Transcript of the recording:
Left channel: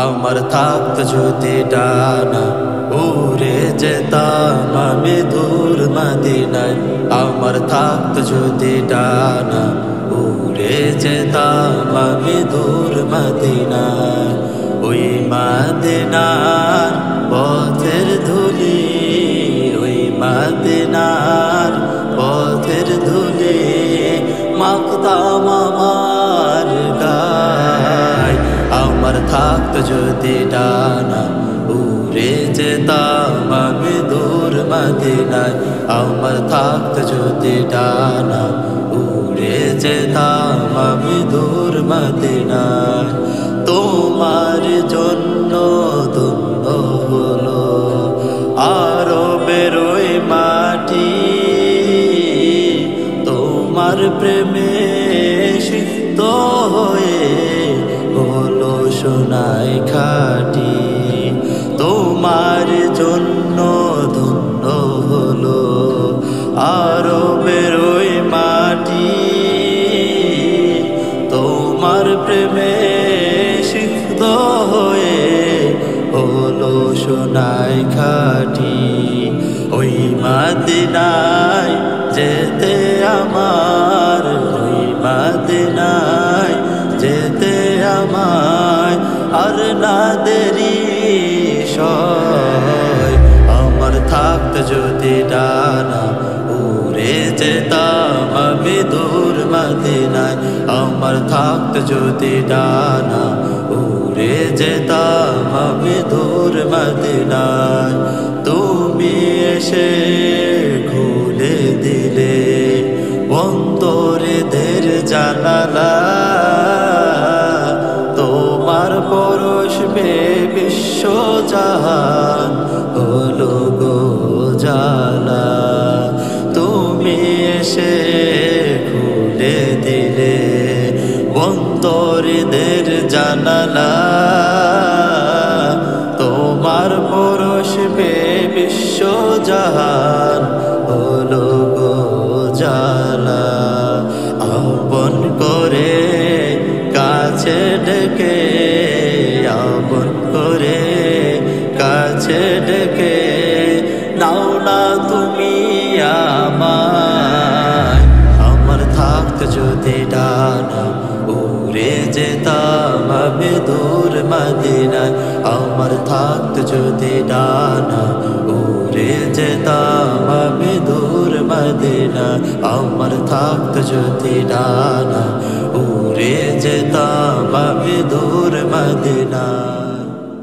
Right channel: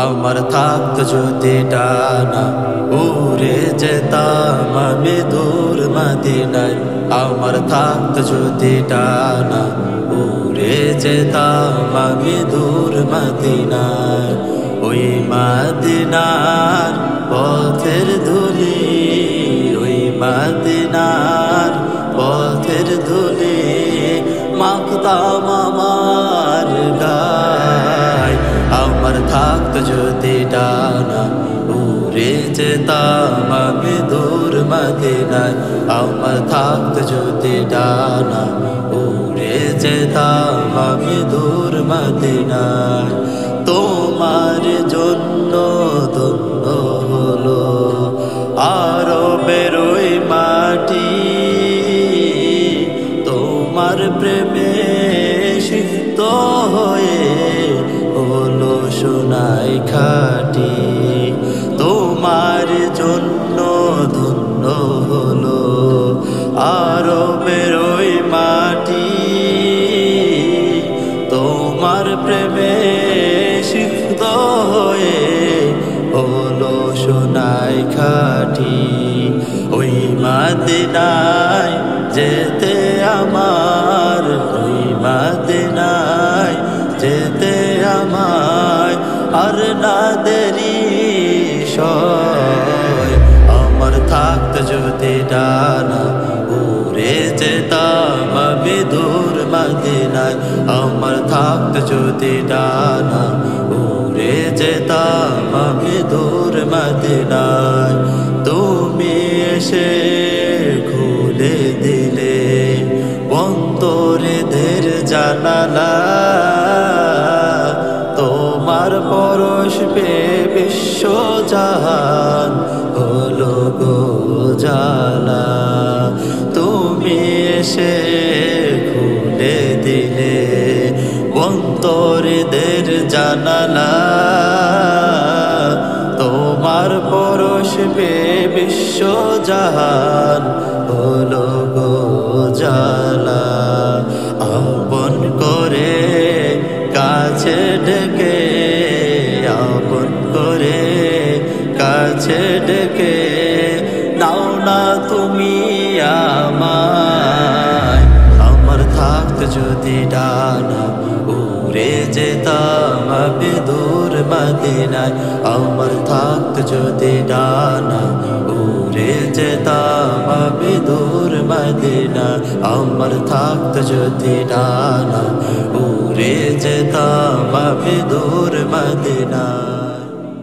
আমার থাকত যদি ডানা উড়ে যেতাম আমি দূর মদিনায়। আমার থাকত যদি ডানা উড়ে যেতাম আমি দূর মদিনায়। ওই মদিনার পথের ধুলি, ওই মদিনার পথের ধুলি মাখতাম আমার গায়। আমার থাকত যদি ডানা উড়ে যেতাম আমি দূর মদিনায়। আমার থাকত যদি ডানা উড়ে যেতাম আমি দূর মদিনায়। তোমার জন্য ধন্য হলো আরবের ওই মাটি, তোমার প্রেমে সিক্ত হয়ে হলো সোনায় খাঁটি। তোমার জন্য ধন্য হলো আরবের ওই মাটি, তোমার প্রেমে সিক্ত হয়ে হলো সোনায় খাঁটি। ওই মদিনায় যেতে আমার, ওই মদিনায় যেতে আমায় আর না দেরি সয়। আমার থাকত যদি ডানা উড়ে যেতাম আমি দূর মদিনায়। আমার থাকত যদি ডানা উড়ে যেতাম আমি দূর মদিনায়। তুমি এসে খুলে দিলে অন্তরের জানালা, তোমার পরশ পে বিশ্ব জাহান হলো গো জালা। তুমি এসে খুলে দিলে অন্তরের জানালা, তোমার পরশ পে বিশ্ব জাহান হলো গো জালা। আপন করে কাছে ডেকে, আপন করে কাছে ডেকে নাও না তুমি আমায়। আমার থাকত যদি ডানা উড়ে যেতাম আমি দূর মদিনায়। আমার থাকত যদি ডানা উড়ে যেতাম আমি দূর মদিনায়। আমার থাকত যদি ডানা উড়ে যেতাম আমি দূর মদিনায়।